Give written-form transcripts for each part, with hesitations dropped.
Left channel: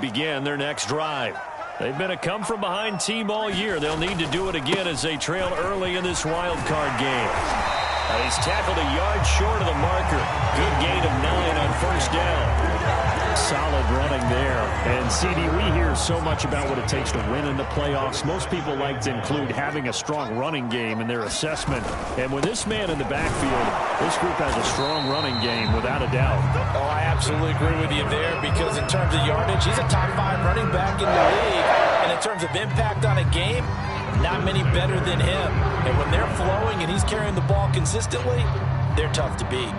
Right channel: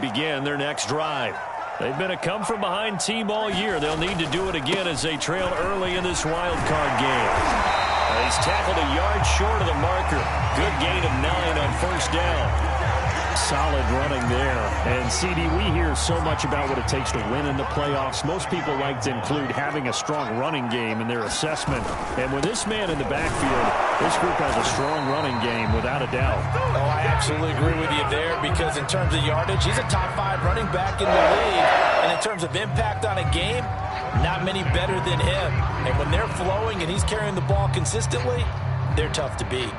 begin their next drive. They've been a come-from-behind team all year. They'll need to do it again as they trail early in this wild card game. He's tackled a yard short of the marker. Good gain of 9 on first down. Solid running there. And, CD, we hear so much about what it takes to win in the playoffs. Most people like to include having a strong running game in their assessment. And with this man in the backfield, this group has a strong running game without a doubt. Oh, I absolutely agree with you there because in terms of yardage, he's a top 5 running back in the league. And in terms of impact on a game, not many better than him. And when they're flowing and he's carrying the ball consistently, they're tough to beat.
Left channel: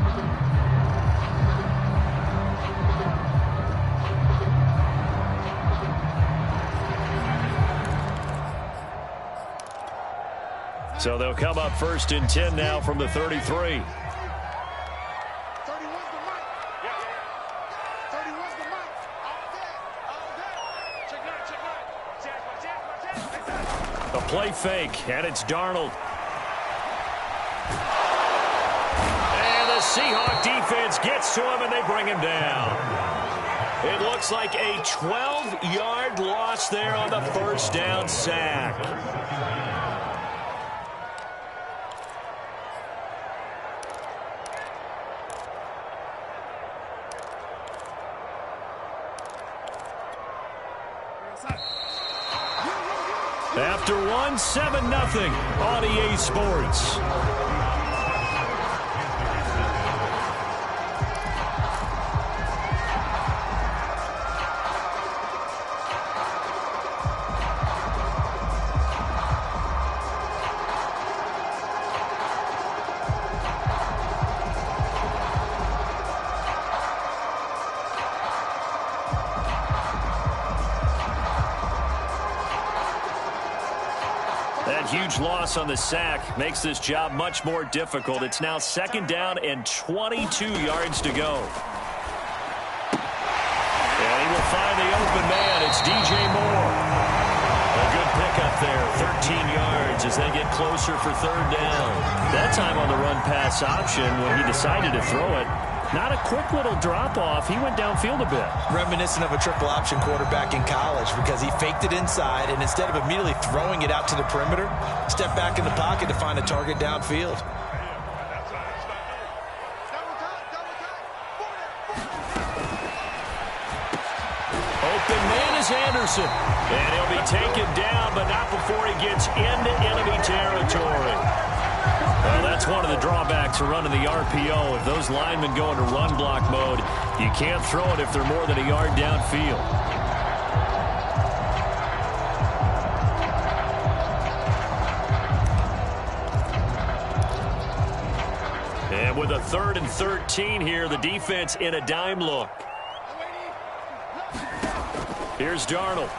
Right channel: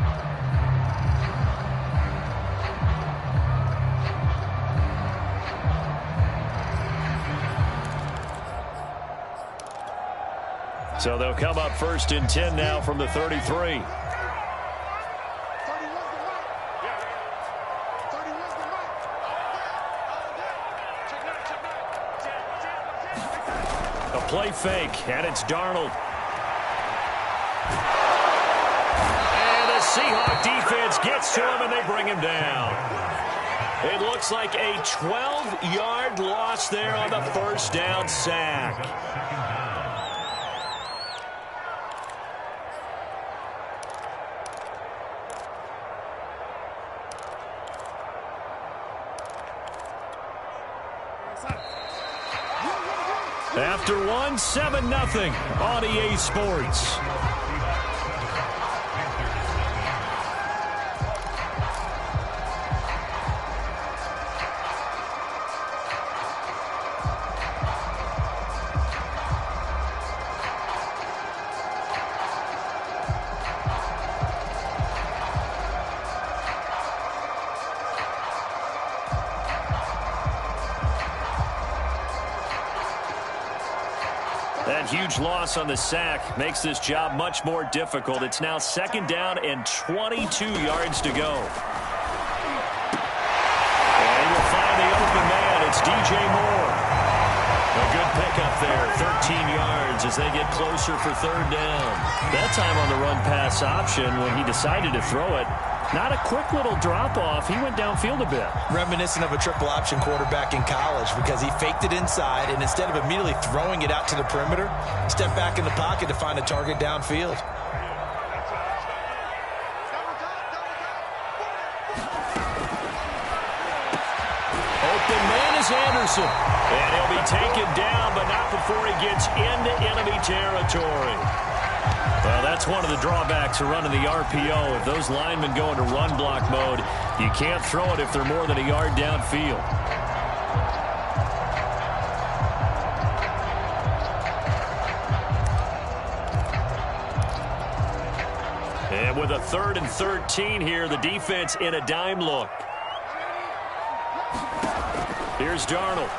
So they'll come up 1st and 10 now from the 33. 31's the mic. Yeah. 31's the mic. All day. Check 9. A play fake, and it's Darnold. And the Seahawk defense gets to him, and they bring him down. It looks like a 12-yard loss there on the first down sack. After 1, 7-0 on EA Sports. That huge loss on the sack makes this job much more difficult. It's now 2nd down and 22 yards to go. And he will find the open man. It's DJ Moore. A good pickup there. 13 yards as they get closer for 3rd down. That time on the run-pass option when he decided to throw it. Not a quick little drop-off. He went downfield a bit. Reminiscent of a triple option quarterback in college because he faked it inside, and instead of immediately throwing it out to the perimeter, stepped back in the pocket to find a target downfield. Open man is Anderson. And he'll be taken down, but not before he gets into enemy territory. Well, that's one of the drawbacks of running the RPO. If those linemen go into run block mode, you can't throw it if they're more than a yard downfield. And with a 3rd and 13 here, the defense in a dime look. Here's Darnold.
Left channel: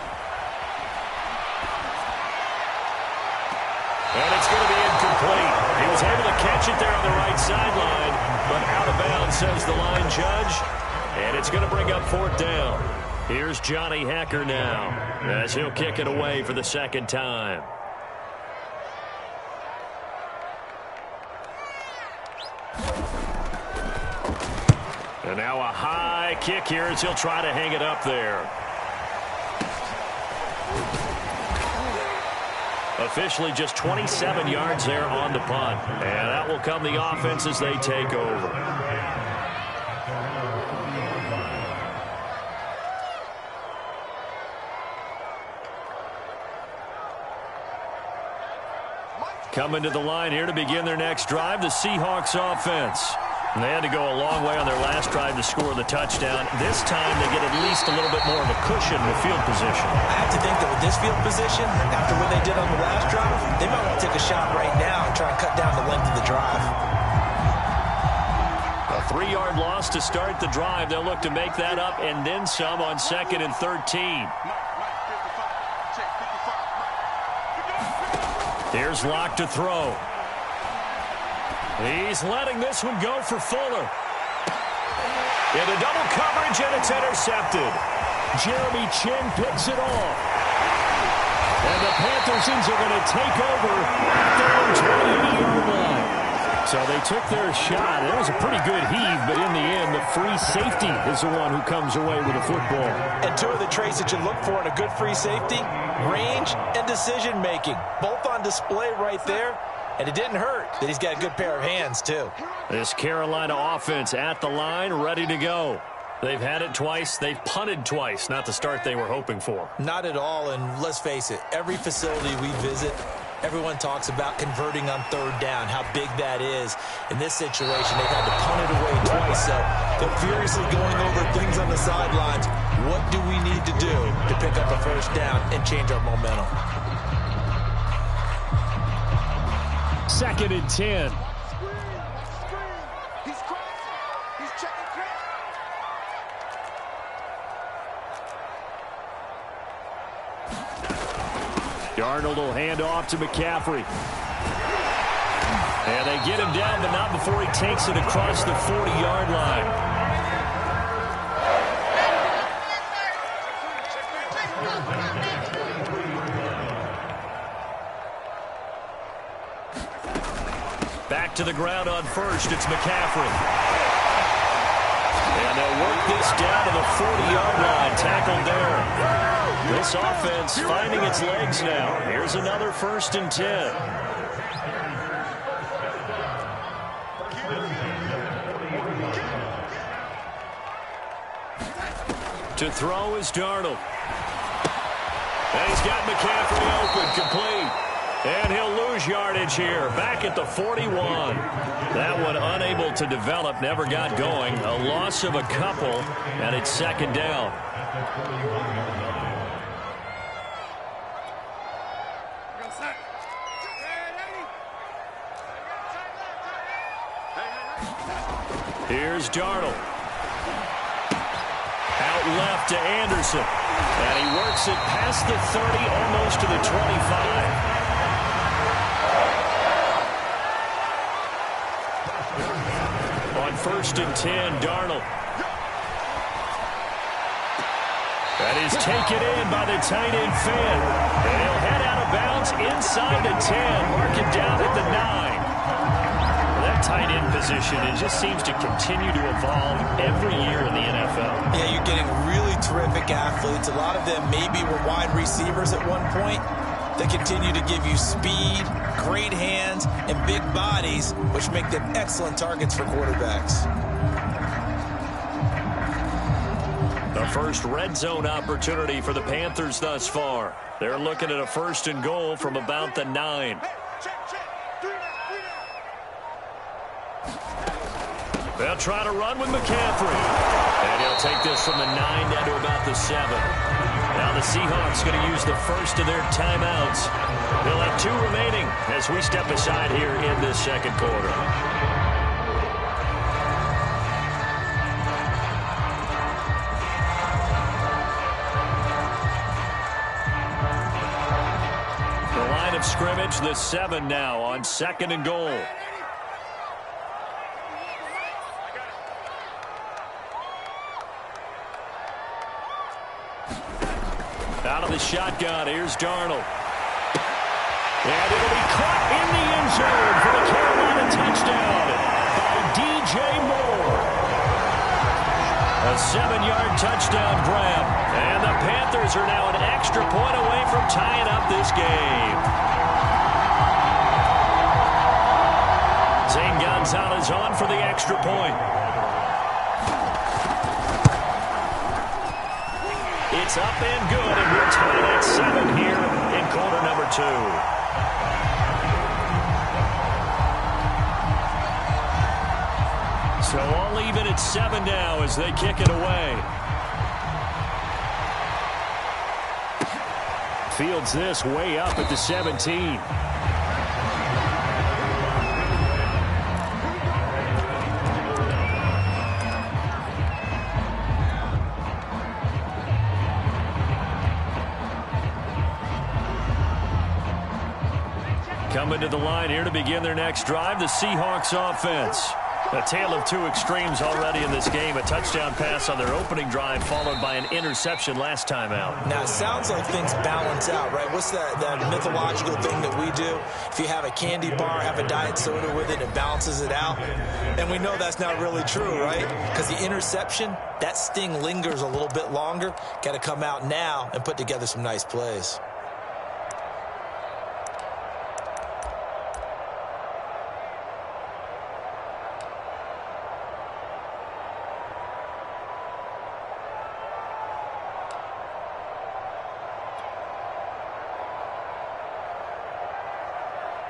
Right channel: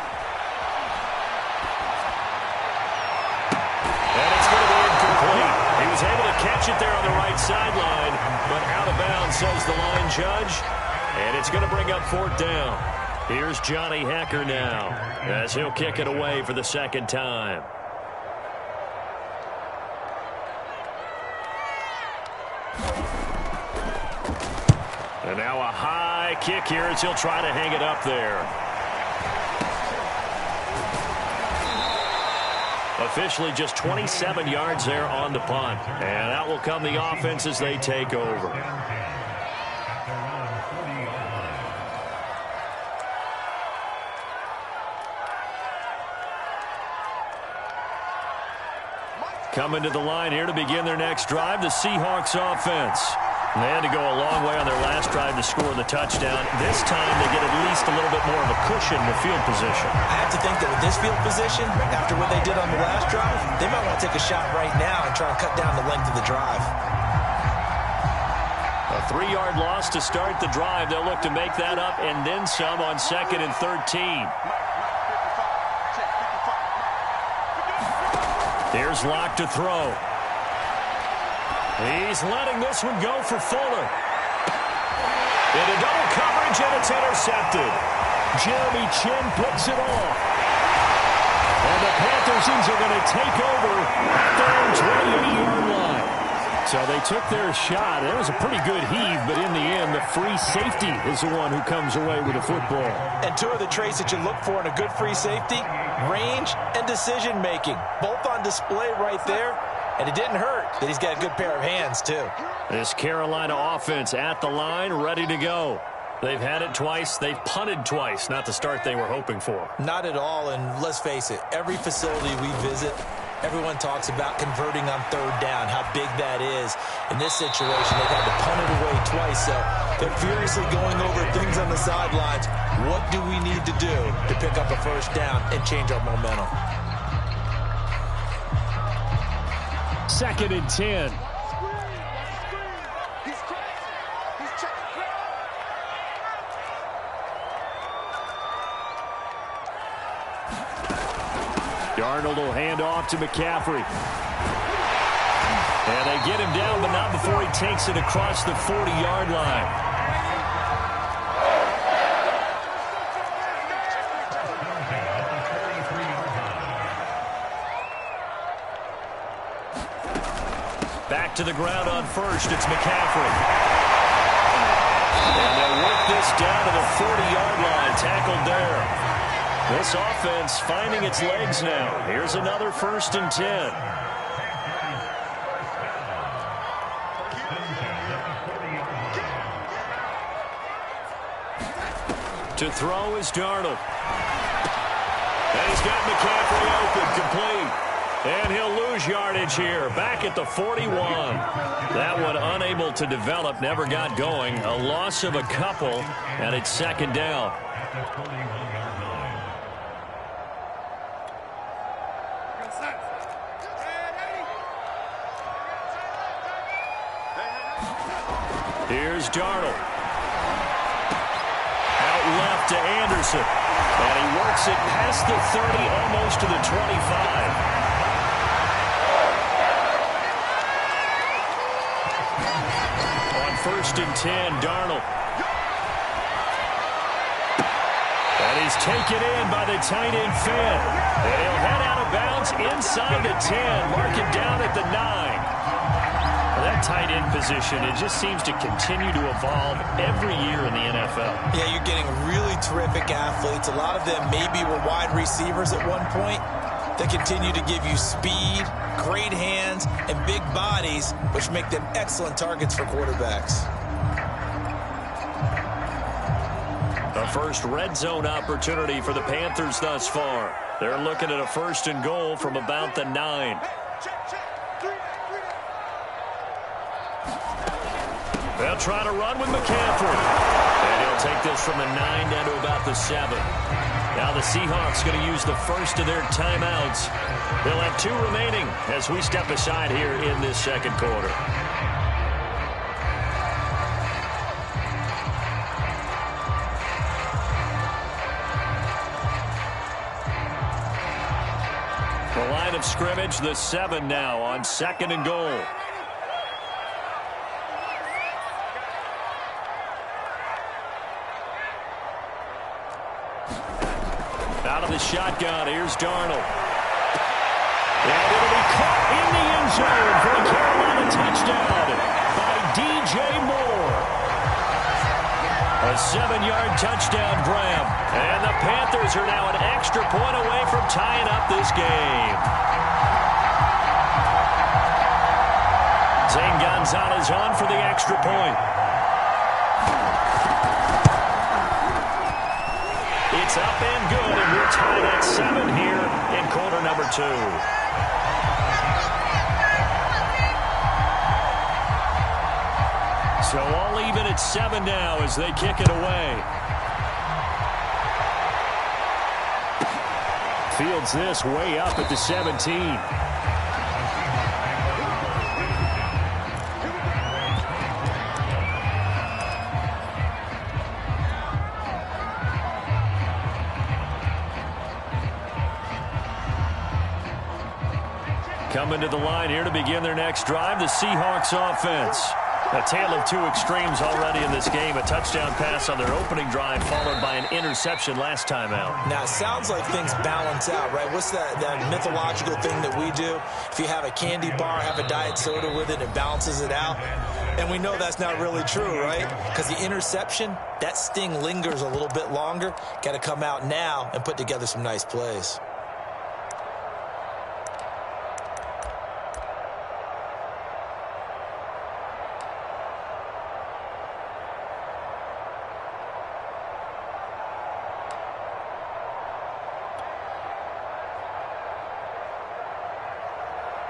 And it's going to be incomplete. He was able to catch it there on the right sideline, but out of bounds, says the line judge. And it's going to bring up 4th down. Here's Johnny Hecker now as he'll kick it away for the 2nd time. And now a high kick here as he'll try to hang it up there. Officially just 27 yards there on the punt. And out will come the offense as they take over. Coming to the line here to begin their next drive, the Seahawks offense. And they had to go a long way on their last drive to score the touchdown. This time they get at least a little bit more of a cushion with field position. I have to think that with this field position, after what they did on the last drive, they might want to take a shot right now and try and cut down the length of the drive. A 3-yard loss to start the drive. They'll look to make that up and then some on 2nd and 13. Here's Locke to throw. He's letting this one go for Fuller. Into double coverage, and it's intercepted. Jeremy Chin picks it off. And the Panthers are going to take over at their own 28-yard line. So they took their shot. It was a pretty good heave, but in the end, the free safety is the one who comes away with the football. And two of the traits that you look for in a good free safety, range and decision-making. Both on display right there. And it didn't hurt that he's got a good pair of hands, too. This Carolina offense at the line, ready to go. They've had it twice. They've punted twice. Not the start they were hoping for. Not at all, and let's face it, every facility we visit, everyone talks about converting on third down, how big that is. In this situation, they've had to punt it away twice, so they're furiously going over things on the sidelines. What do we need to do to pick up a first down and change our momentum? 2nd and 10. He's crossing. He's checking crack. Darnold will hand off to McCaffrey. And they get him down, but not before he takes it across the 40-yard line. Back to the ground on first. It's McCaffrey. And they'll work this down to the 40-yard line. Tackled there. This offense finding its legs now. Here's another 1st and 10. To throw is Darnold. And he's got McCaffrey open, complete. And he'll lose yardage here, back at the 41. That one unable to develop, never got going. A loss of a couple, and it's 2nd down. Here's Darnold. Out left to Anderson. And he works it past the 30, almost to the 25. On 1st and 10, Darnold. That is taken in by the tight end Finn. And he'll head out of bounds inside the 10. Mark it down at the 9. That tight end position, it just seems to continue to evolve every year in the NFL. Yeah, you're getting really terrific athletes. A lot of them maybe were wide receivers at one point. They continue to give you speed, great hands, and big bodies, which make them excellent targets for quarterbacks. The first red zone opportunity for the Panthers thus far. They're looking at a 1st and goal from about the 9. They'll try to run with McCaffrey. And he'll take this from the 9 down to about the 7. Now the Seahawks going to use the first of their timeouts. They'll have 2 remaining as we step aside here in this 2nd quarter. The line of scrimmage, the 7 now on 2nd and goal. Out of the shotgun, here's Darnold. And it'll be caught in the end zone for a Carolina touchdown by DJ Moore. A 7-yard touchdown grab. And the Panthers are now an extra point away from tying up this game. Zane Gonzalez on for the extra point. It's up and good, and we're tied at 7 here in quarter number 2. So all even at 7 now as they kick it away. Fields this way up at the 17. Coming to the line here to begin their next drive, the Seahawks offense. A tale of two extremes already in this game. A touchdown pass on their opening drive followed by an interception last time out. Now, it sounds like things balance out, right? What's that mythological thing that we do? If you have a candy bar, have a diet soda with it, it balances it out. And we know that's not really true, right? Because the interception, that sting lingers a little bit longer. Got to come out now and put together some nice plays.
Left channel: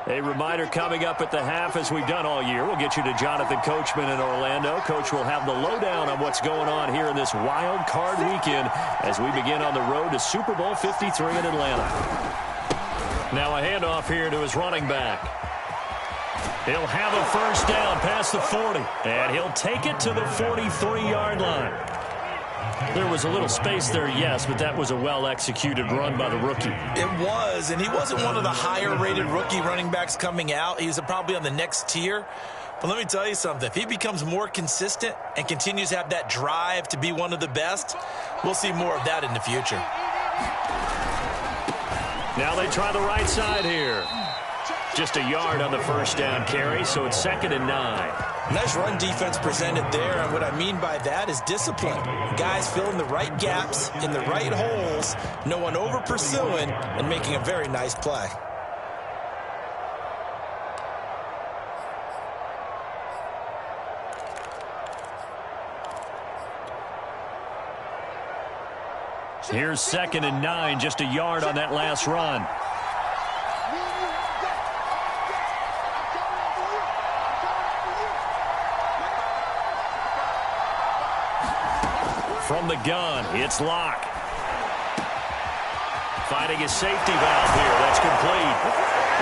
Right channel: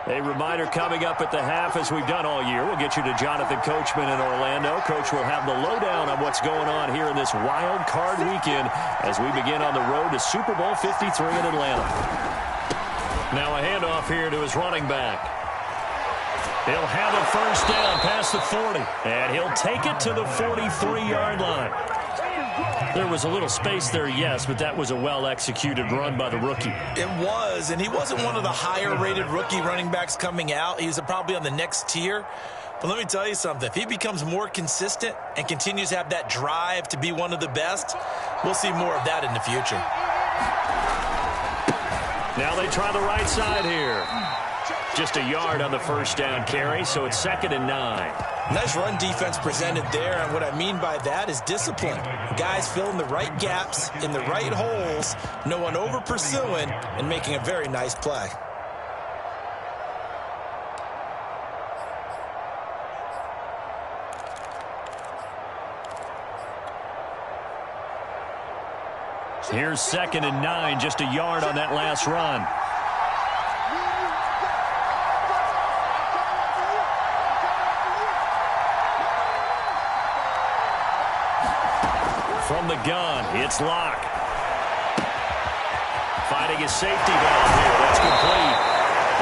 A reminder coming up at the half, as we've done all year. We'll get you to Jonathan Coachman in Orlando. Coach will have the lowdown on what's going on here in this wild card weekend as we begin on the road to Super Bowl 53 in Atlanta. Now a handoff here to his running back. He'll have a first down past the 40, and he'll take it to the 43-yard line. There was a little space there, yes, but that was a well-executed run by the rookie. It was, and he wasn't one of the higher-rated rookie running backs coming out. He's probably on the next tier. But let me tell you something. If he becomes more consistent and continues to have that drive to be one of the best, we'll see more of that in the future. Now they try the right side here. Just a yard on the first down carry, so it's 2nd and 9. Nice run defense presented there, and what I mean by that is discipline. Guys filling the right gaps in the right holes, no one over-pursuing, and making a very nice play. Here's 2nd and 9, just a yard on that last run. From the gun, it's Locke. Finding his safety valve here. That's complete.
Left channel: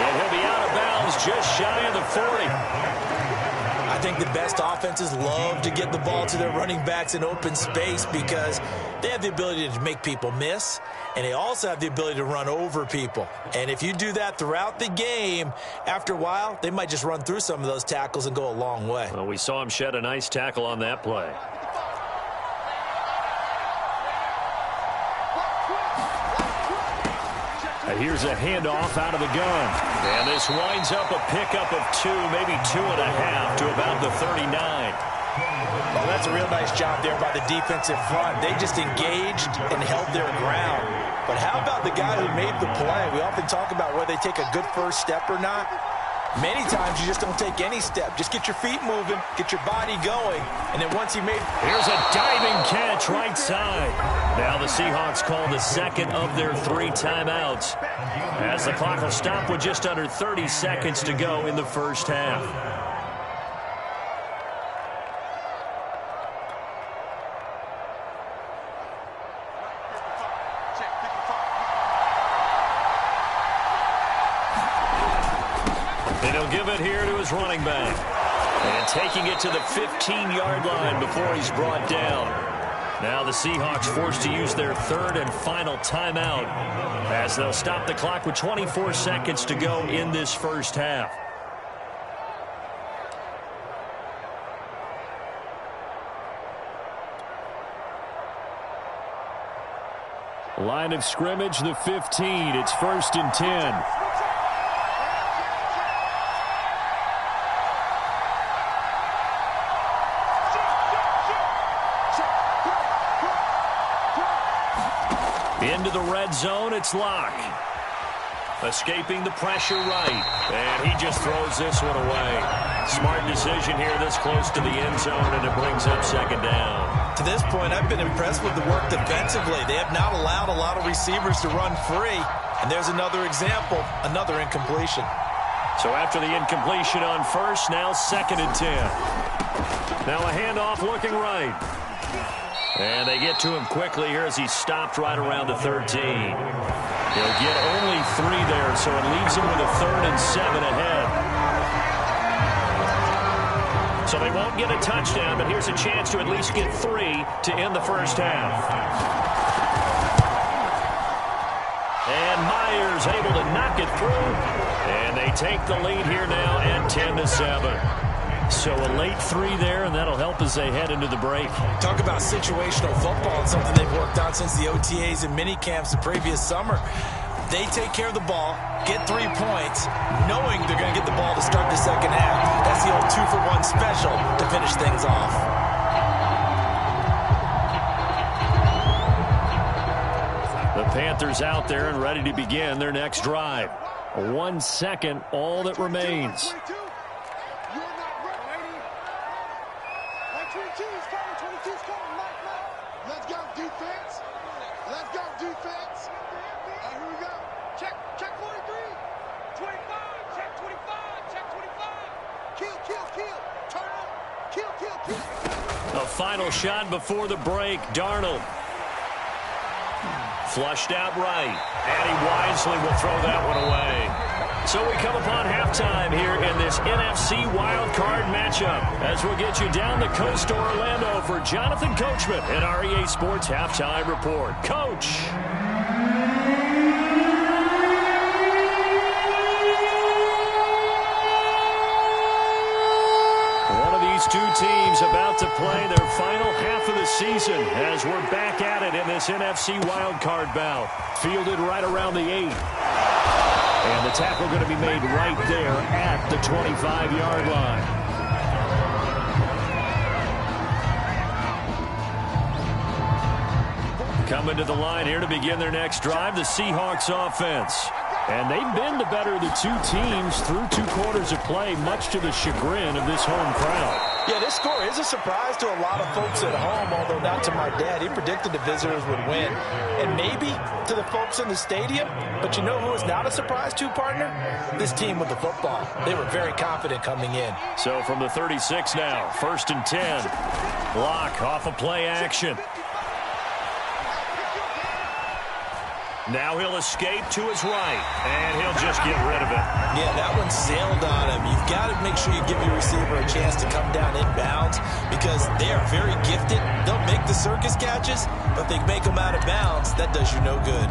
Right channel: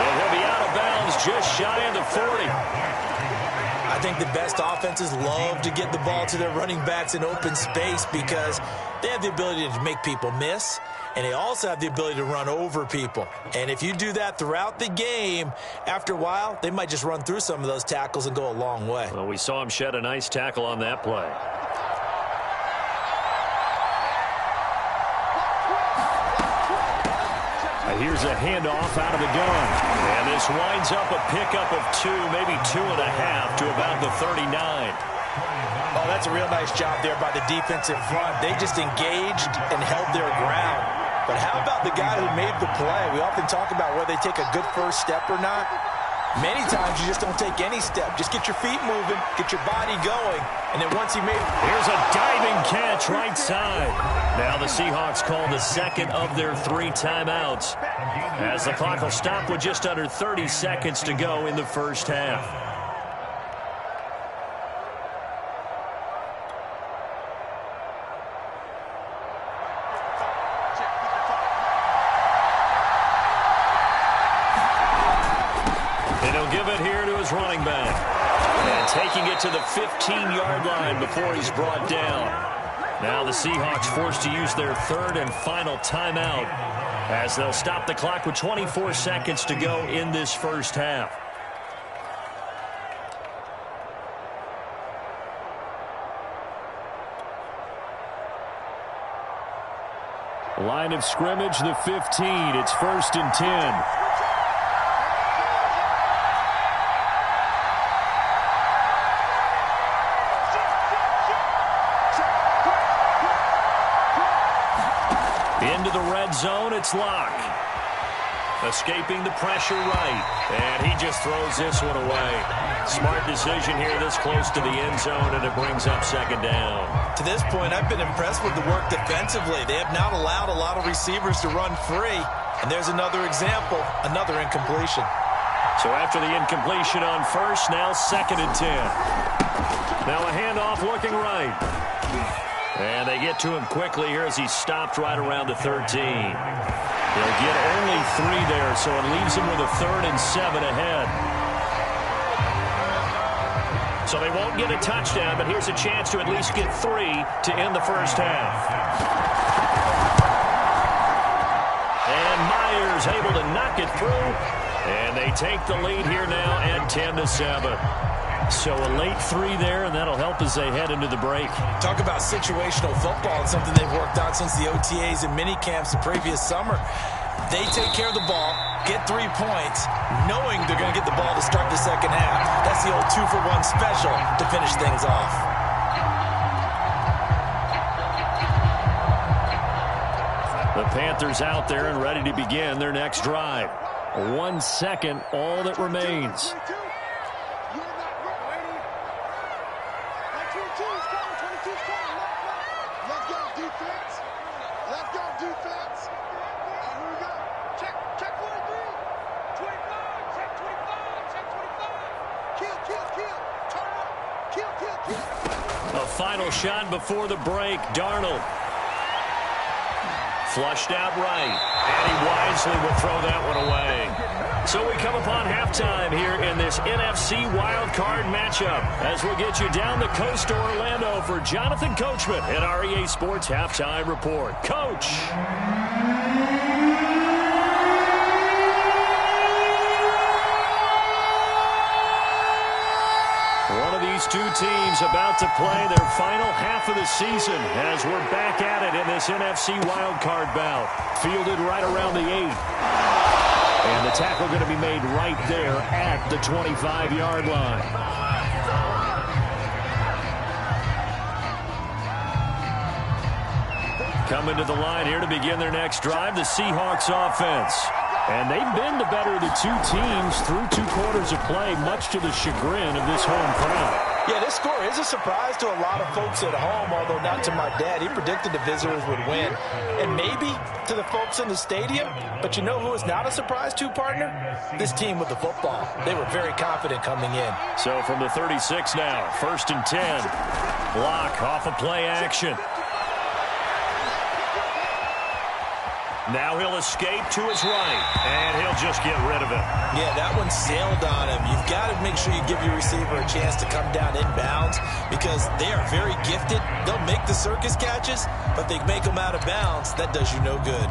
And he'll be out of bounds just shy of the 40. I think the best offenses love to get the ball to their running backs in open space because they have the ability to make people miss, and they also have the ability to run over people. And if you do that throughout the game, after a while, they might just run through some of those tackles and go a long way. Well, we saw him shed a nice tackle on that play. Here's a handoff out of the gun. And this winds up a pickup of 2, maybe 2.5 to about the 39. Oh, that's a real nice job there by the defensive front. They just engaged and held their ground. But how about the guy who made the play? We often talk about whether they take a good first step or not. Many times you just don't take any step. Just get your feet moving, get your body going, and then once he made... Here's a diving catch right side. Now the Seahawks call the second of their 3 timeouts as the clock will stop with just under 30 seconds to go in the first half. And he'll give it here to his running back. And taking it to the 15-yard line before he's brought down. Now the Seahawks forced to use their 3rd and final timeout as they'll stop the clock with 24 seconds to go in this first half. Line of scrimmage, the 15. It's 1st and 10. Into the red zone, it's Locke. Escaping the pressure right. And he just throws this one away. Smart decision here this close to the end zone, and it brings up 2nd down. To this point, I've been impressed with the work defensively. They have not allowed a lot of receivers to run free. And there's another example, another incompletion. So after the incompletion on first, now 2nd and 10. Now a handoff looking right. And they get to him quickly here as he's stopped right around the 13. He'll get only 3 there, so it leaves him with a 3rd and 7 ahead. So they won't get a touchdown, but here's a chance to at least get 3 to end the first half. And Myers able to knock it through. And they take the lead here now at 10-7. So a late 3 there, and that'll help as they head into the break. Talk about situational football. It's something they've worked on since the OTAs and mini camps the previous summer. They take care of the ball, get 3 points, knowing they're going to get the ball to start the second half. That's the old 2-for-1 special to finish things off. The Panthers out there and ready to begin their next drive. 1 second, all that remains. Let's go, defense. Let's go, defense. All right, here we go. Check 43. 25. Check 25. Check 25. Kill. Turn up. Kill. A final shot before the break. Darnold. Flushed out right. And he wisely will throw that one away. So we come upon halftime here in this NFC wildcard matchup as we'll get you down the coast to Orlando for Jonathan Coachman at our EA Sports Halftime Report. Coach. One of these two teams about to play their final half of the season as we're back at it in this NFC wildcard bout. Fielded right around the 8. And the tackle going to be made right there at the 25-yard line. Coming to the line here to begin their next drive, the Seahawks offense. And they've been the better of the two teams through 2 quarters of play, much to the chagrin of this home crowd. Yeah, this score is a surprise to a lot of folks at home, although not to my dad. He predicted the visitors would win. And maybe to the folks in the stadium. But you know who is not a surprise to, partner? This team with the football. They were very confident coming in. So from the 36 now, 1st and 10. Block off a play action. Now he'll escape to his right, and he'll just get rid of it. Yeah, that one sailed on him. You've got to make sure you give your receiver a chance to come down inbounds because they are very gifted. They'll make the circus catches, but they make them out of bounds. That does you no good.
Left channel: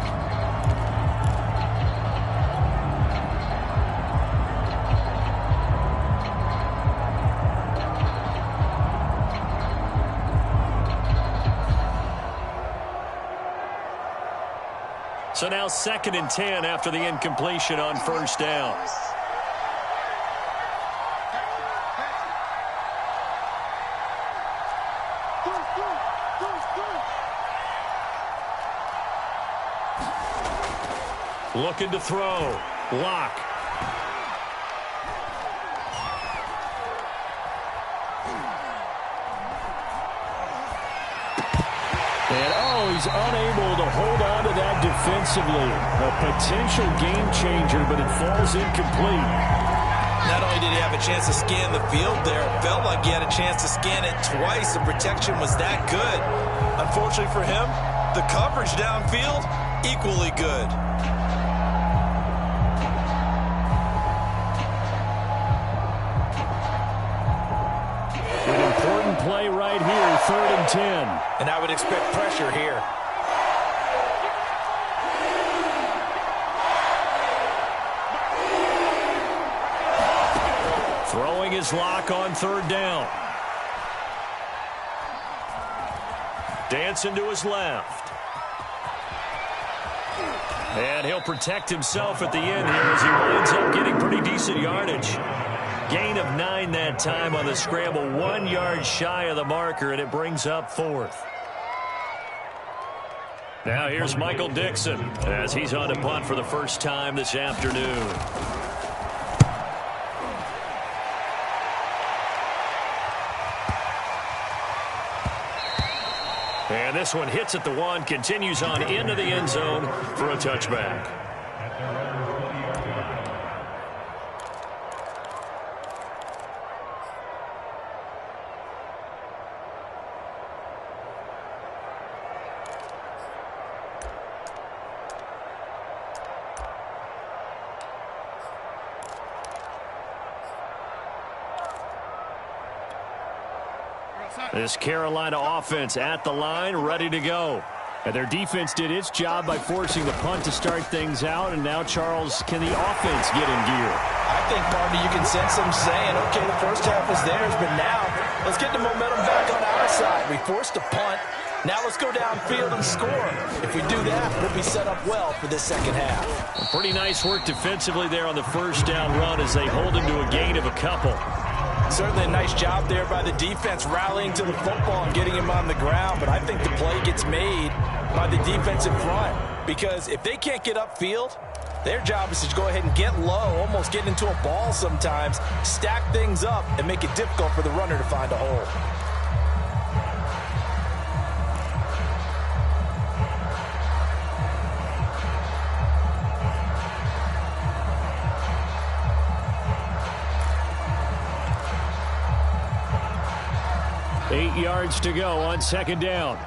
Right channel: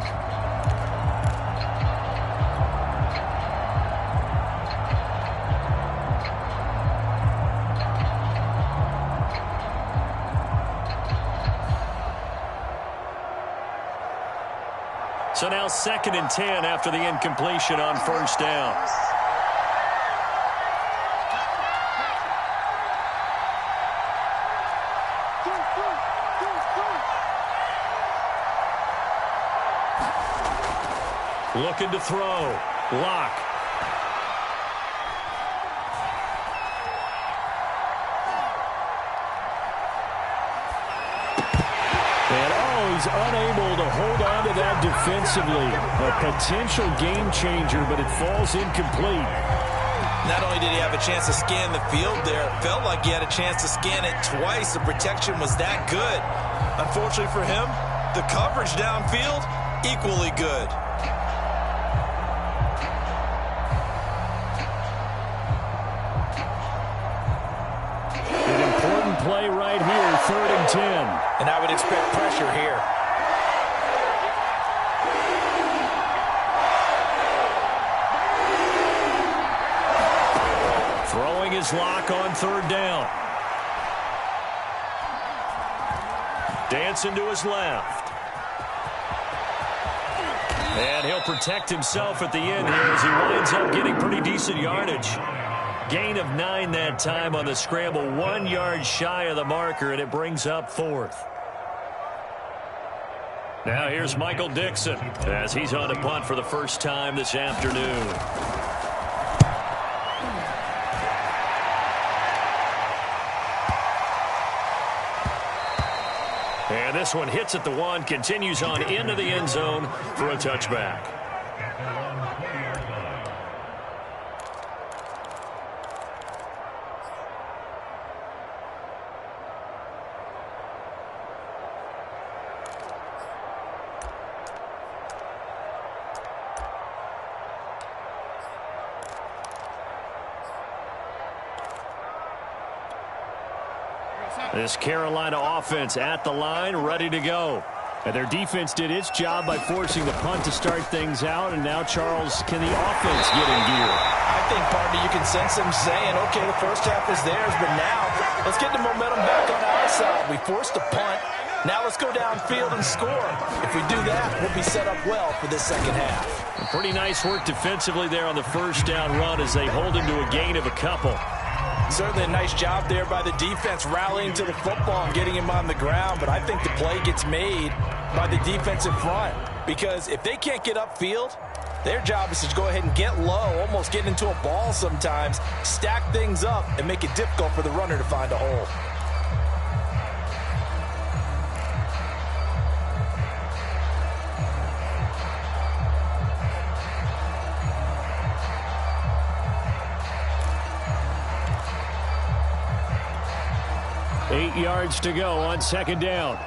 So now 2nd and 10 after the incompletion on 1st down. Looking to throw. Lock. And he's unable to hold on to that defensively. A potential game changer, but it falls incomplete. Not only did he have a chance to scan the field there, it felt like he had a chance to scan it twice. The protection was that good. Unfortunately for him, the coverage downfield, equally good. An important play right here, 3rd and 10. And I would expect pressure here. Throwing his lock on 3rd down. Dancing to his left. And he'll protect himself at the end here as he winds up getting pretty decent yardage. Gain of 9 that time on the scramble, 1 yard shy of the marker, and it brings up 4th. Now here's Michael Dixon as he's on to punt for the first time this afternoon. And this one hits at the 1, continues on into the end zone for a touchback. This Carolina offense at the line, ready to go. And their defense did its job by forcing the punt to start things out. And now, Charles, can the offense get in gear? I think, partner, you can sense them saying, okay, the first half is theirs, but now let's get the momentum back on our side. We forced a punt. Now let's go downfield and score. If we do that, we'll be set up well for this second half. Pretty nice work defensively there on the first down run as they hold him to a gain of a couple. Certainly a nice job there by the defense rallying to the football and getting him on the ground, but I think the play gets made by the defensive front because if they can't get upfield, their job is to go ahead and get low, almost get into a ball sometimes, stack things up, and make it difficult for the runner to find a hole. Eight yards to go on second down.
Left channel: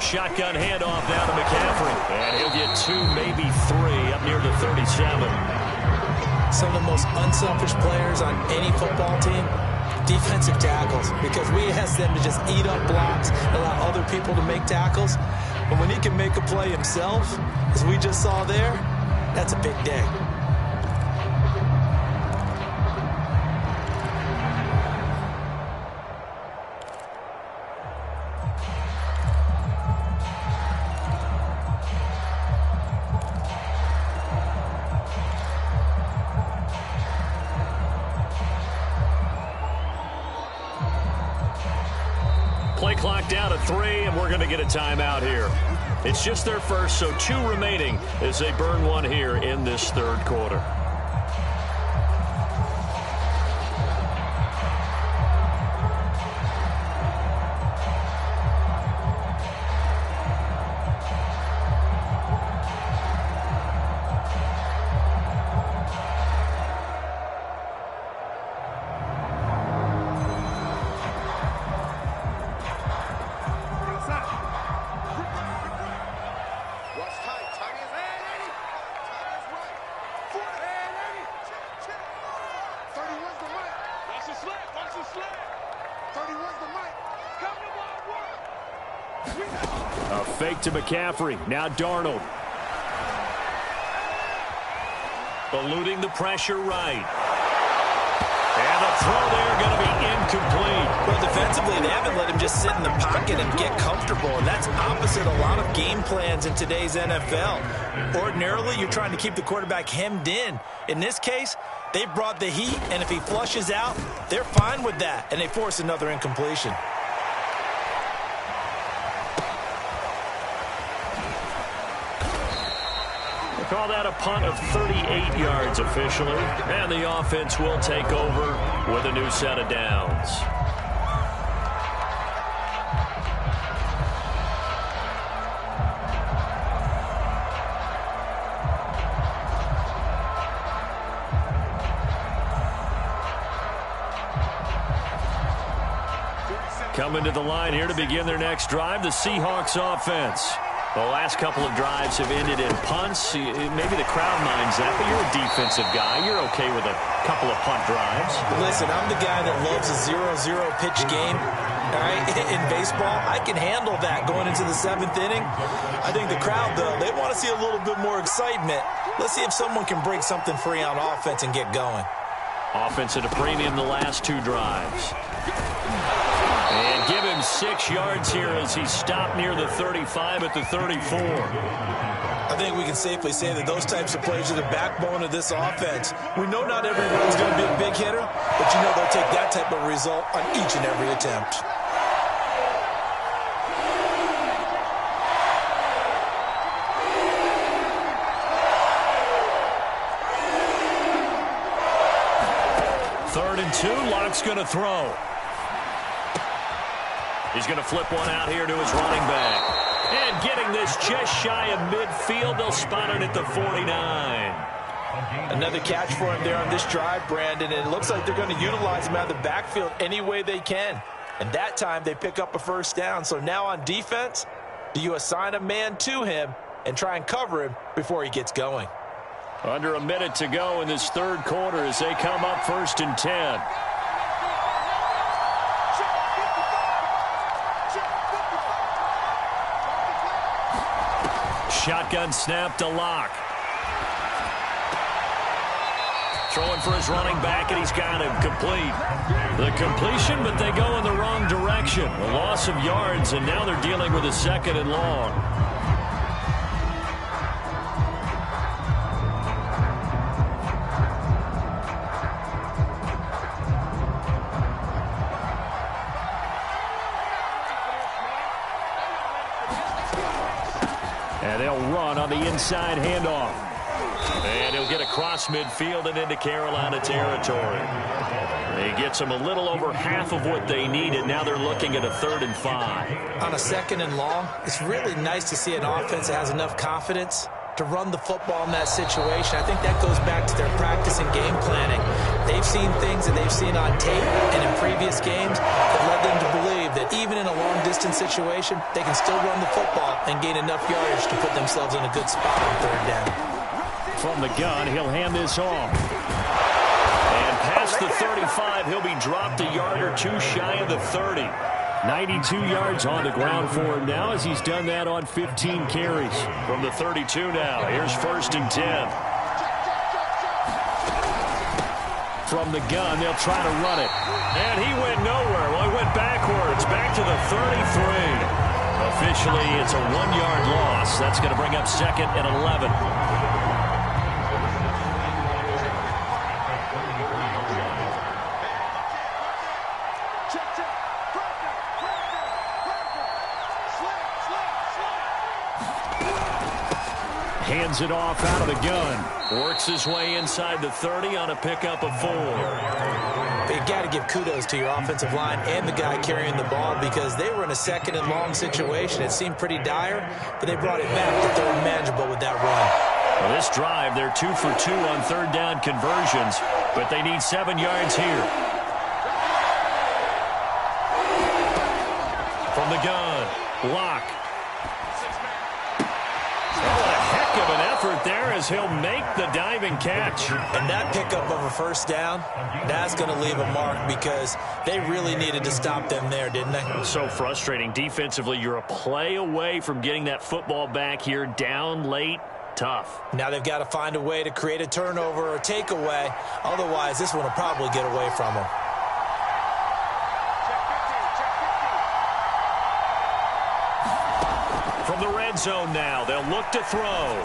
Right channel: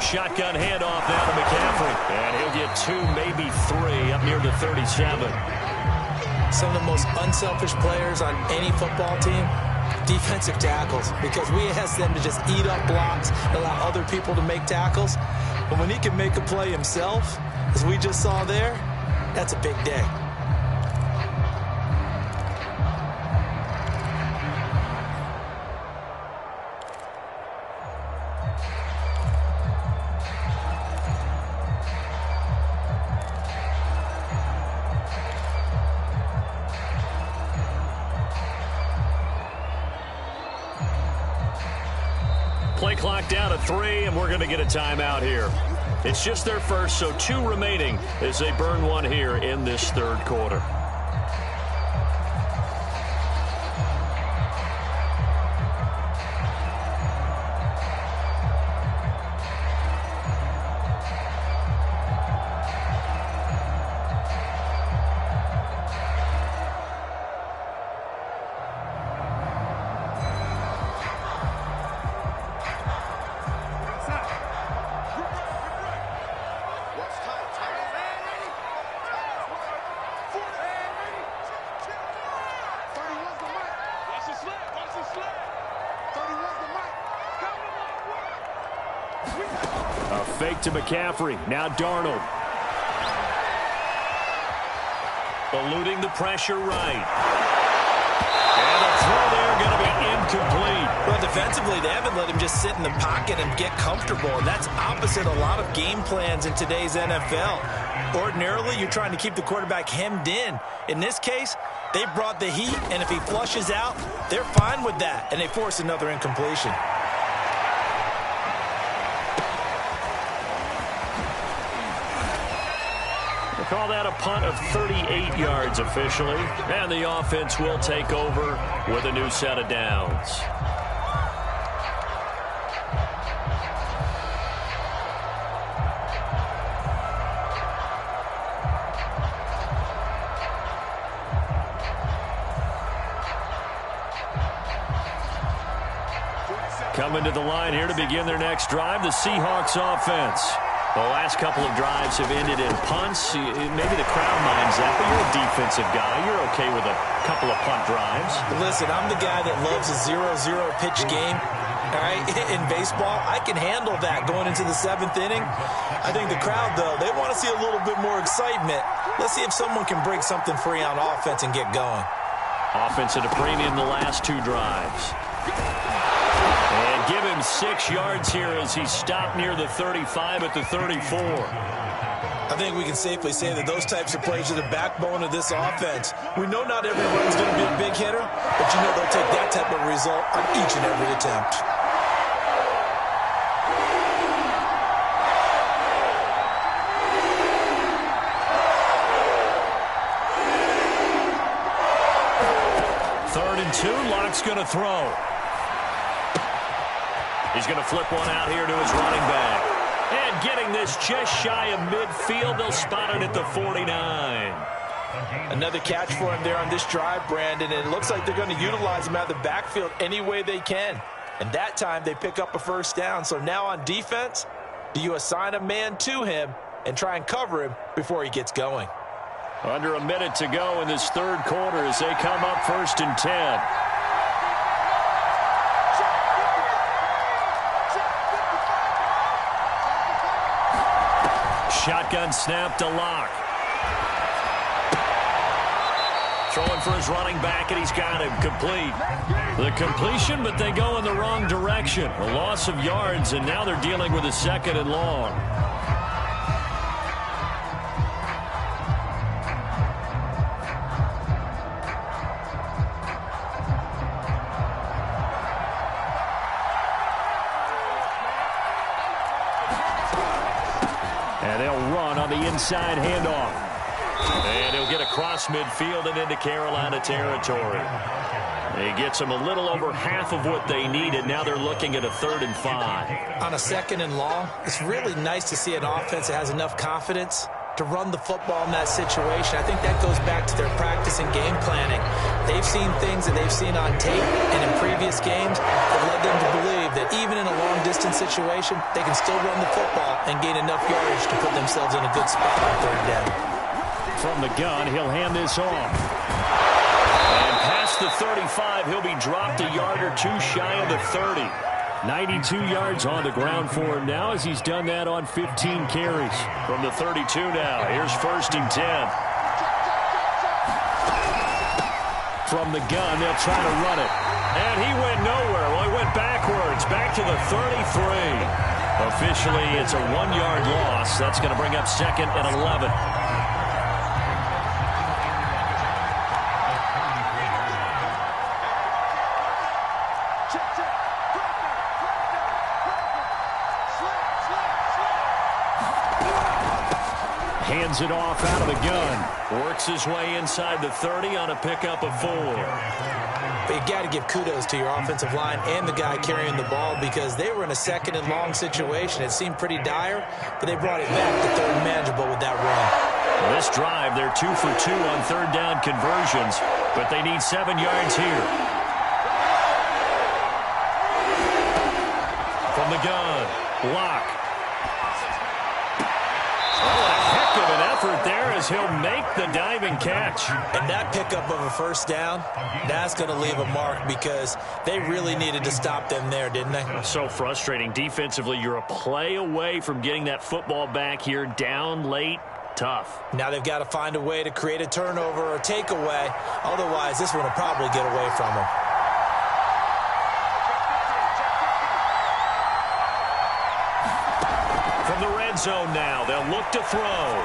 Shotgun handoff now to McCaffrey. And he'll get 2, maybe 3 up near the 37. Some of the most unselfish players on any football team, defensive tackles, because we ask them to just eat up blocks and allow other people to make tackles. But when he can make a play himself, as we just saw there, that's a big day. Play clock down to 3, and we're going to get a timeout here. It's just their first, so 2 remaining as they burn one here in this third quarter. A fake to McCaffrey. Now Darnold. Eluding the pressure right. And the throw there going to be incomplete. Well, defensively, they haven't let him just sit in the pocket and get comfortable, and that's opposite a lot of game plans in today's NFL. Ordinarily, you're trying to keep the quarterback hemmed in. In this case, they brought the heat, and if he flushes out, they're fine with that, and they force another incompletion. Call that a punt of 38 yards officially. And the offense will take over with a new set of downs. Coming to the line here to begin their next drive, the Seahawks offense. The last couple of drives have ended in punts. Maybe the crowd minds that, but you're a defensive guy. You're okay with a couple of punt drives. Listen, I'm the guy that loves a 0-0 pitch game. All right, in baseball, I can handle that going into the 7th inning. I think the crowd, though, they want to see a little bit more excitement. Let's see if someone can break something free on offense and get going. Offense at a premium the last 2 drives. And give him 6 yards here as he stopped near the 35 at the 34. I think we can safely say that those types of plays are the backbone of this offense. We know not every run's going to be a big hitter, but you know they'll take that type of result on each and every attempt. Third and 2, Lock's going to throw. He's going to flip one out here to his running back. And getting this just shy of midfield, they'll spot it at the 49. Another catch for him there on this drive, Brandon, and it looks like they're going to utilize him out of the backfield any way they can. And that time they pick up a first down. So now on defense, do you assign a man to him and try and cover him before he gets going? Under a minute to go in this third quarter as they come up 1st and 10. shotgun snap to Locke. Throwing for his running back, and he's got him complete. The completion, but they go in the wrong direction. A loss of yards, and now they're dealing with a 2nd and long. And they'll run on the inside handoff. And he'll get across midfield and into Carolina territory. He gets them a little over half of what they needed. Now they're looking at a 3rd and 5. On a 2nd and long, it's really nice to see an offense that has enough confidence to run the football in that situation. I think that goes back to their practice and game planning. They've seen things that they've seen on tape and in previous games that led them to believe that even in a long-distance situation, they can still run the football and gain enough yardage to put themselves in a good spot on 3rd down. From the gun, he'll hand this off. And past the 35, he'll be dropped a yard or 2 shy of the 30. 92 yards on the ground for him now as he's done that on 15 carries. From the 32 now, here's 1st and 10. From the gun, they'll try to run it. And he went nowhere. Well, he went backwards, back to the 33. Officially, it's a 1-yard loss. That's going to bring up 2nd and 11. Hands it off out of the gun. Works his way inside the 30 on a pickup of 4. But you got to give kudos to your offensive line and the guy carrying the ball because they were in a 2nd and long situation. It seemed pretty dire, but they brought it back to 3rd and manageable with that run. Well, this drive, they're 2 for 2 on 3rd down conversions, but they need 7 yards here. From the gun, Locke. Oh, what a heck of an effort there as he'll make the diving catch. And that pickup of a 1st down, that's going to leave a mark because they really needed to stop them there, didn't they? So frustrating. Defensively, you're a play away from getting that football back here down late. Tough. Now they've got to find a way to create a turnover or takeaway. Otherwise, this one will probably get away from them. From the red zone now, they'll look to throw.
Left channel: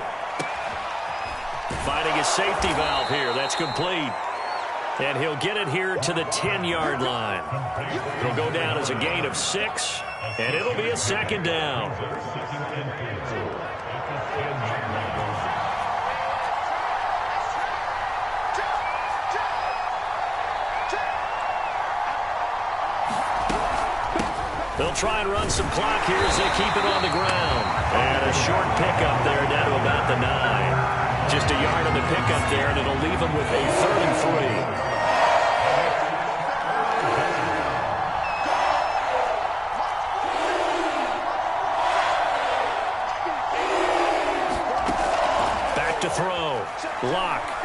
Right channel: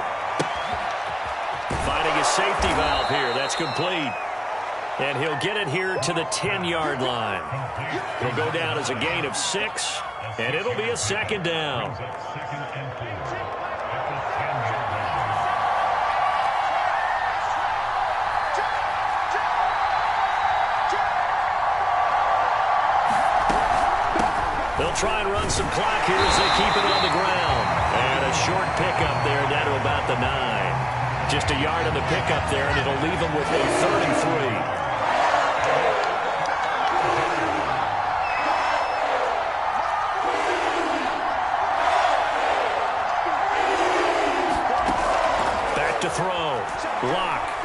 Finding his safety valve here. That's complete. And he'll get it here to the 10-yard line. He'll go down as a gain of 6, and it'll be a 2nd down. They'll try and run some clock here as they keep it on the ground. And a short pickup there down to about the 9. Just a yard on the pickup there, and it'll leave them with a 3rd and 3. Back to throw. Locke.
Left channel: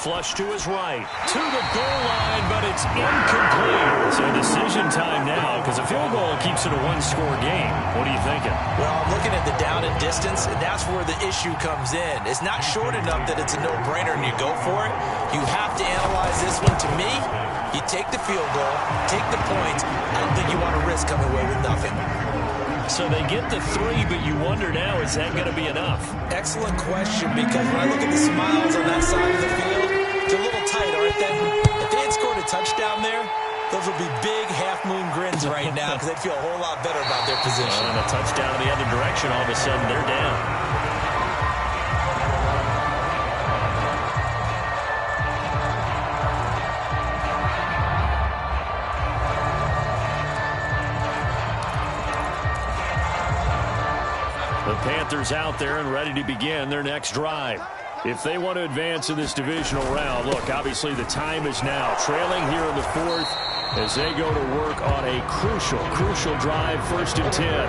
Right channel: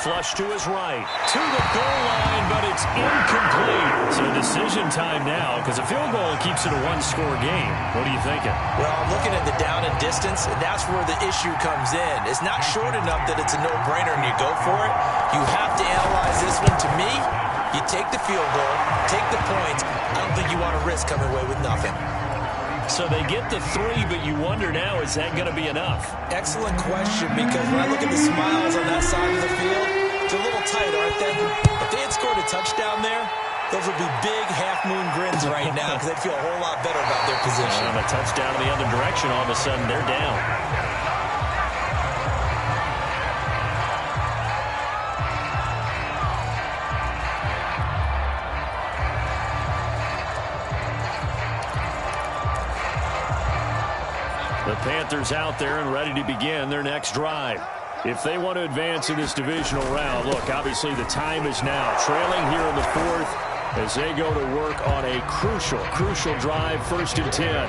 Flush to his right. To the goal line, but it's incomplete. So decision time now because a field goal keeps it a 1-score game. What are you thinking? Well, I'm looking at the down and distance, and that's where the issue comes in. It's not short enough that it's a no-brainer and you go for it. You have to analyze this one. To me, you take the field goal, take the points. I don't think you want to risk coming away with nothing. So they get the 3, but you wonder now, is that going to be enough? Excellent question, because when I look at the smiles on that side of the field, it's a little tight, aren't they? If they had scored a touchdown there, those would be big half-moon grins right now because they'd feel a whole lot better about their position. On a touchdown in the other direction, all of a sudden they're down. The Panthers out there and ready to begin their next drive. If they want to advance in this divisional round, look, obviously the time is now. Trailing here in the 4th as they go to work on a crucial drive, 1st and 10.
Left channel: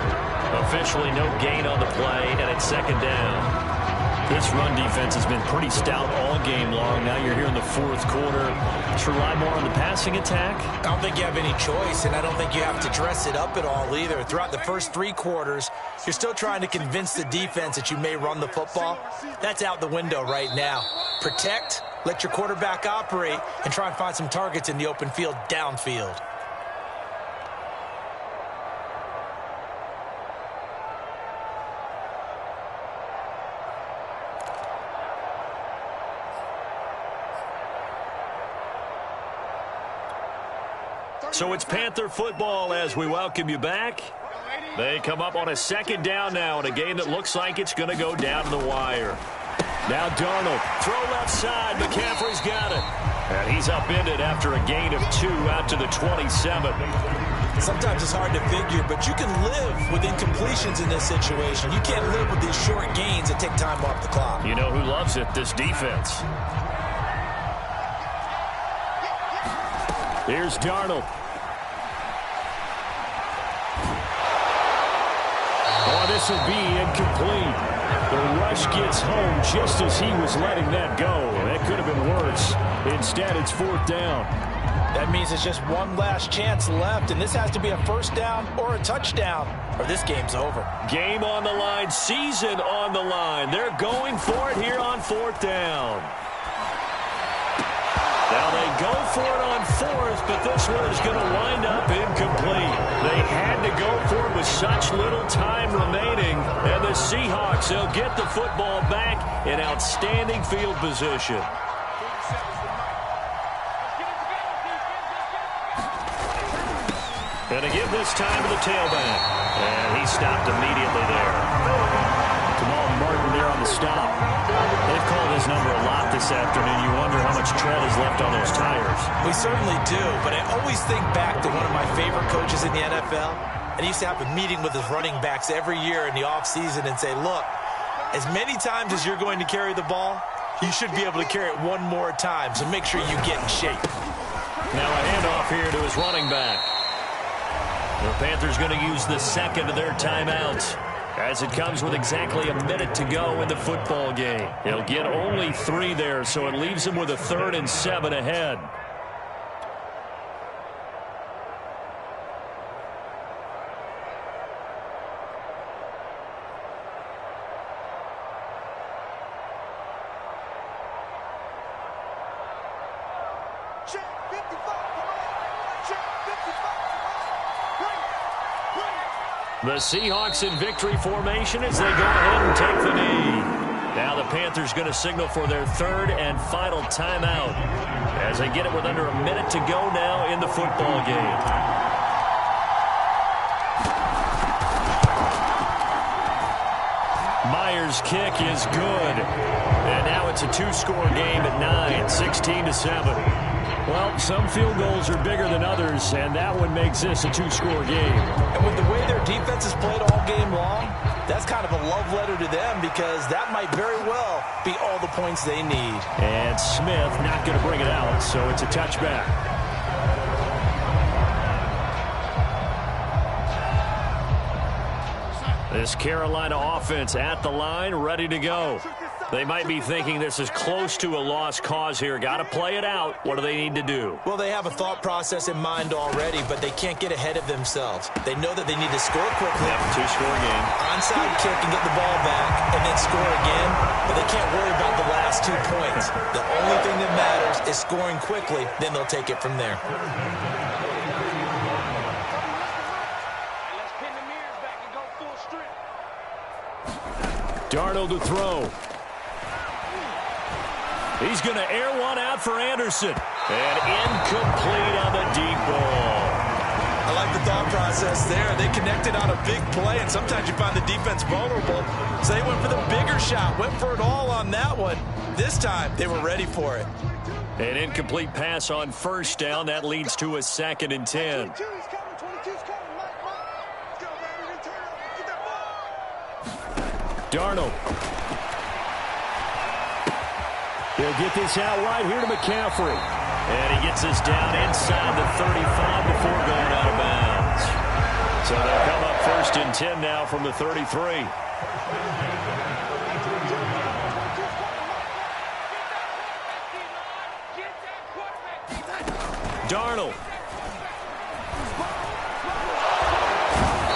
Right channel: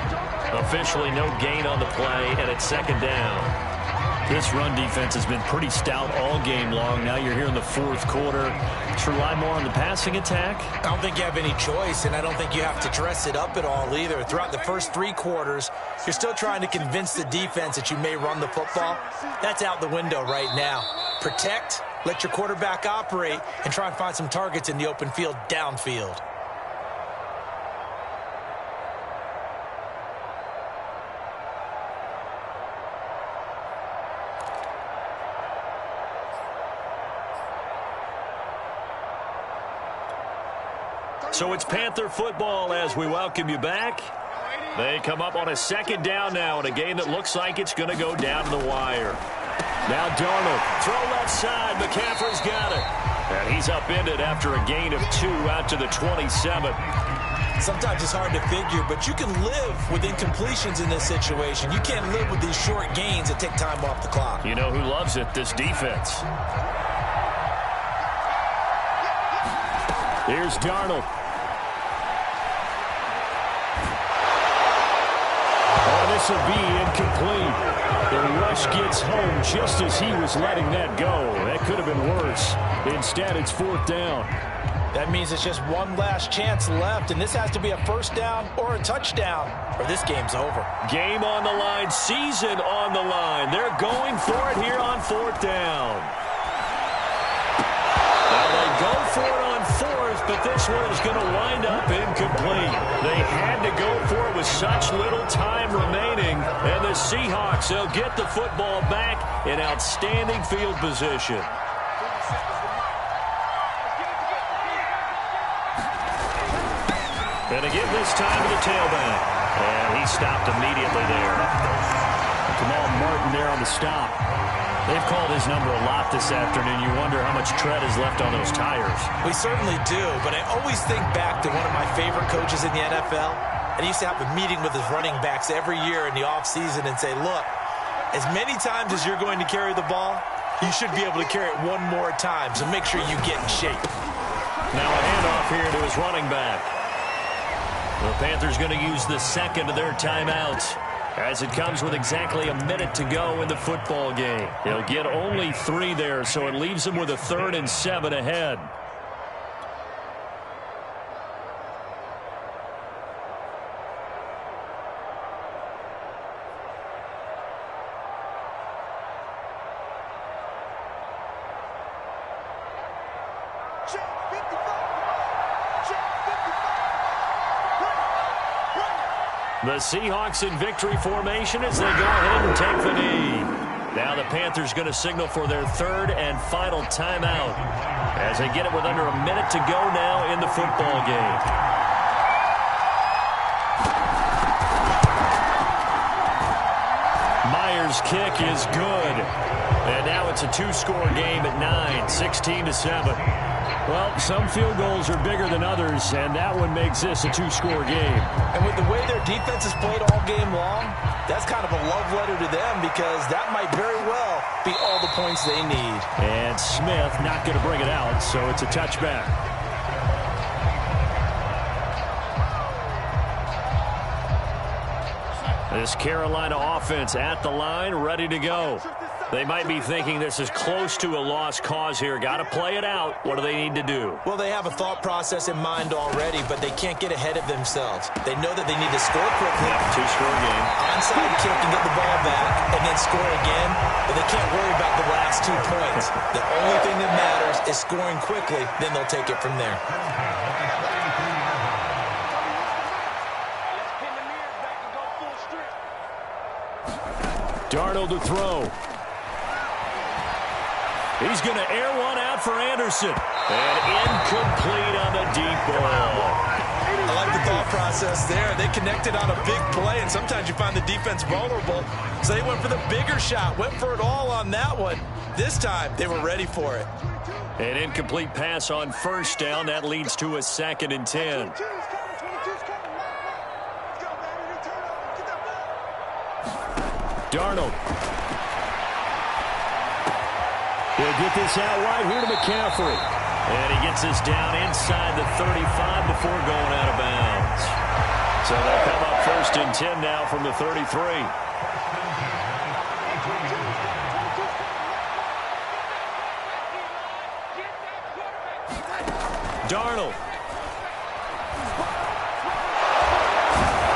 Officially no gain on the play, and it's 2nd down. This run defense has been pretty stout all game long. Now you're here in the fourth quarter. Should rely more on the passing attack? I don't think you have any choice, and I don't think you have to dress it up at all either. Throughout the first 3 quarters, you're still trying to convince the defense that you may run the football. That's out the window right now. Protect, let your quarterback operate, and try and find some targets in the open field downfield. So it's Panther football as we welcome you back. They come up on a second down now in a game that looks like it's going to go down to the wire. Now Darnold, throw left side. McCaffrey's got it. And he's upended after a gain of 2 out to the 27. Sometimes it's hard to figure, but you can live with incompletions in this situation. You can't live with these short gains that take time off the clock. You know who loves it? This defense. Here's Darnold. Oh, this will be incomplete. The rush gets home just as he was letting that go. That could have been worse. Instead, it's 4th down. That means it's just one last chance left, and this has to be a first down or a touchdown, or this game's over. Game on the line, season on the line. They're going for it here on 4th down. Now they go for it on 4th, but this one is going to wind up incomplete. They had to go for it with such little time remaining, and the Seahawks, they'll get the football back in outstanding field position. And again this time to the tailback, and he stopped immediately there. Kamal Martin there on the stop. They've called his number a lot this afternoon. You wonder how much tread is left on those tires. We certainly do, but I always think back to one of my favorite coaches in the NFL, and he used to have a meeting with his running backs every year in the offseason and say, look, as many times as you're going to carry the ball, you should be able to carry it one more time, so make sure you get in shape. Now a handoff here to his running back. The Panthers going to use the second of their timeouts, as it comes with exactly a minute to go in the football game. He'll get only 3 there, so it leaves him with a 3rd and 7 ahead. Check 55, come on. Check 55, come on. Bring it. The Seahawks in victory formation as they go ahead and take the knee. Now the Panthers going to signal for their 3rd and final timeout as they get it with under a minute to go now in the football game. Myers' kick is good. And now it's a 2-score game at 9, 16-7. Well, some field goals are bigger than others, and that one makes this a 2-score game. And with the way their defense has played all game long, that's kind of a love letter to them because that might very well be all the points they need. And Smith not going to bring it out, so it's a touchback. This Carolina offense at the line, ready to go. They might be thinking this is close to a lost cause here. Got to play it out. What do they need to do? Well, they have a thought process in mind already, but they can't get ahead of themselves. They know that they need to score quickly. Yep, 2-score game. Onside kick and get the ball back and then score again, but they can't worry about the last 2 points. The only thing that matters is scoring quickly, then they'll take it from there. Darnold to throw. He's going to air one out for Anderson. And incomplete on the deep ball. I like the thought process there. They connected on a big play, and sometimes you find the defense vulnerable. So they went for the bigger shot, went for it all on that one. This time, they were ready for it. An incomplete pass on 1st down. That leads to a 2nd and 10. Darnold. He'll get this out wide here to McCaffrey. And he gets this down inside the 35 before going out of bounds. So they'll come up 1st and 10 now from the 33. Darnold.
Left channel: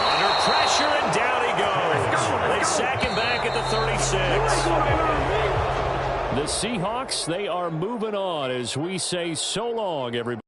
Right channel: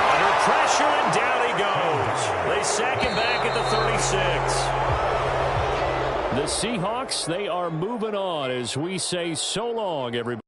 Under pressure, and down he goes. They sack him back at the 36. The Seahawks, they are moving on as we say so long, everybody.